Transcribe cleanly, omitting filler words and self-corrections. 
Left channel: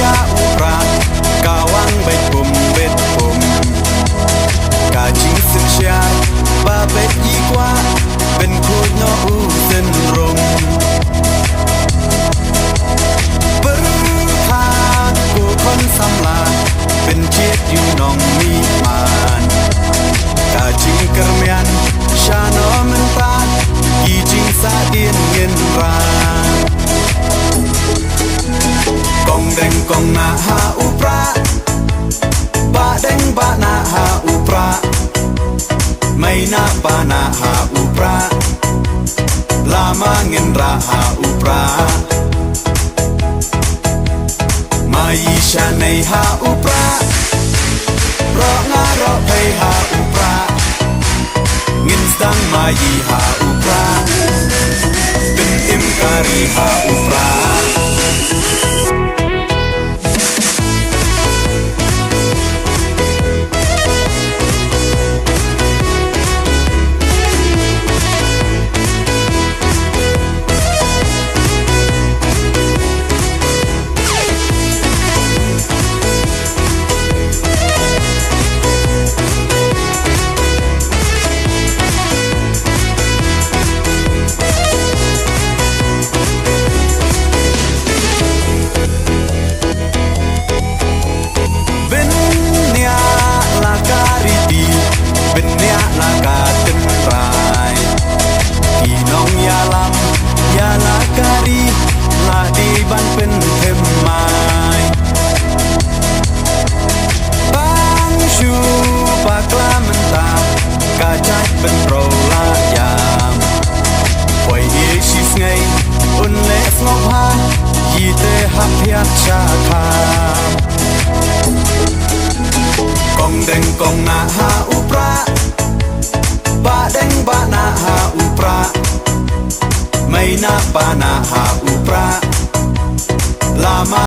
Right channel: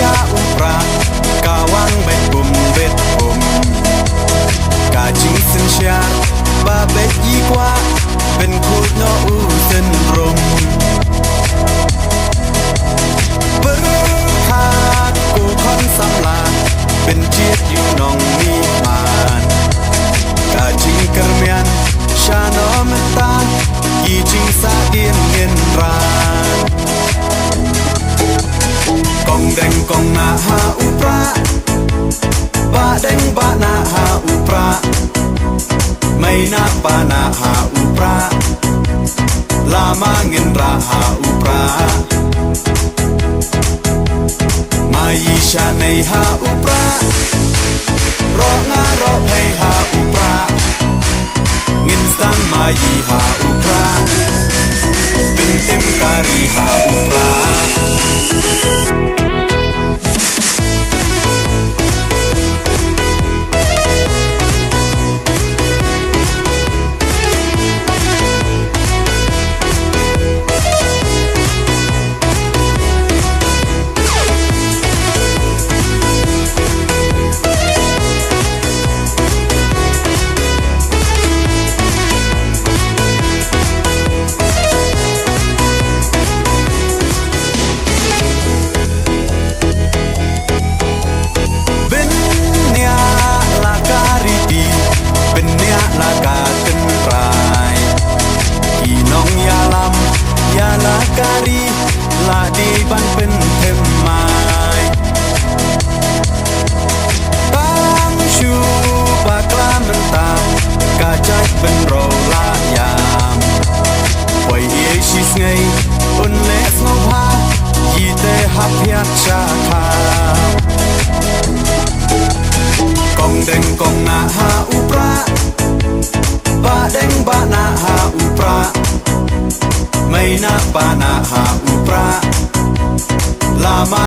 ยาอุปรากาวังใบปุ่มเบ็ดปุ่มกาจิงสินเชียร์บาเบ็ดยี่กว่าเป็นคูดโนอูเส้นรมปรึคากูคอนสำลาเป็นเชียดอยู่นองมีมานกาจิงกระเมียนชาโนมันตากี่จิงสาเดียนเงินรานกองแดงกองนาหาอุปราบาแดงบานาหาอุปราไม่นาปานาหาอุปราลามาเงินราหาอุปรามายีชาในหาอุปรารองารอเพยหาอุปราเงินสังมายีหาอุปราเป็นเต็มการีหาอุปราการีดีเป็นเนียลากาเต็นรายกี่น้องยาลำยาลาการีลาดีบันเป็นเทมไม้ตั้งชูปากลามันตากาใจเป็นโรลายามปล่อยเอชิสไงอุ่นเละสงบฮายีเตหับเพียชาคากองแดงกองนาหาอุปราบาแดงบานาหาอุปราไม่นาปานาหาอุปราลามา